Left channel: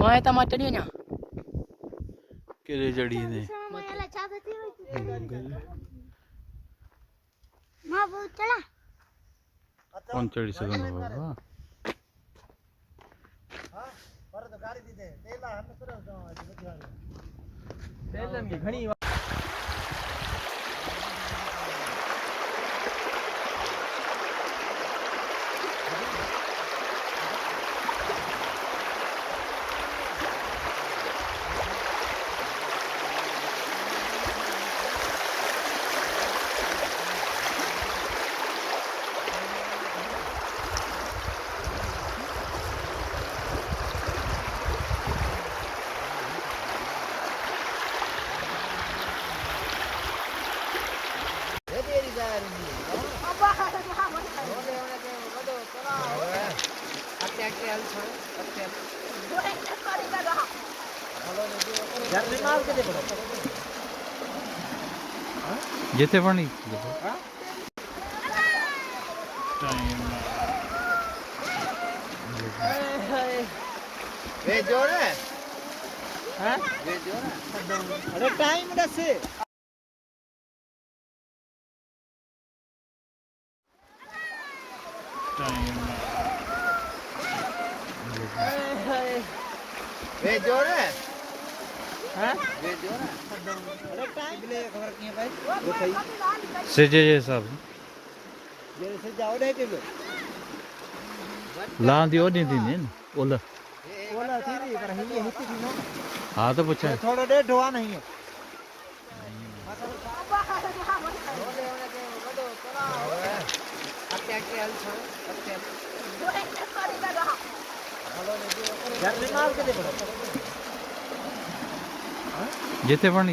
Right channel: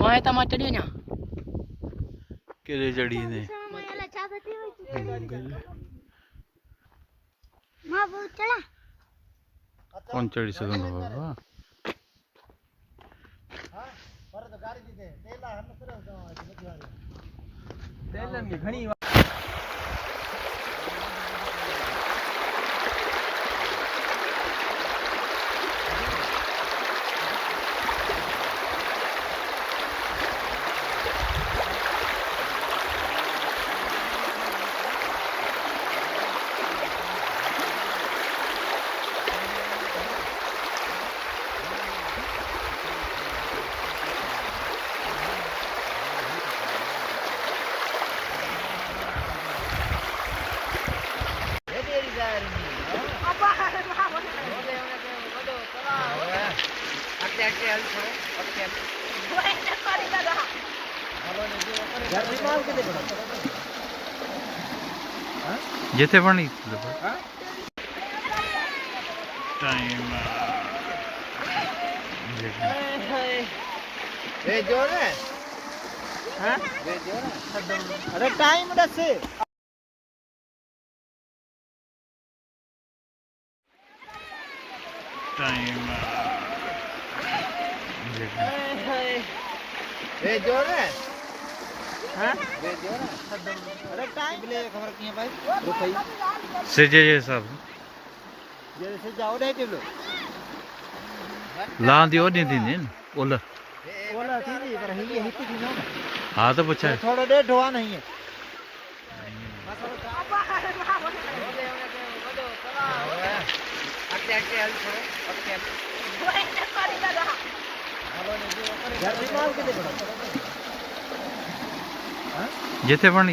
मैं तमा चढ़ियो ना किरे चढ़ी ने मां वो चला कौन चढ़ी सकंदो बाबा हां पर तो गाड़ी दी दे तेला हम करो तो तेलन की घणी जिथे पण टाइम ए जोर है हैं ये जोर है अरे टाइम दस टाइम ए जोर है हैं ये जोर है अरे टाइम ले खबर किए भाई वो सही से जे हिसाब जैसे जाओ रे चलो ला दी और दी ने ओला ओला थी पर ही हित थी ना हां तो पूछा थोड़ा देर ढोआ नहीं है जिथे पण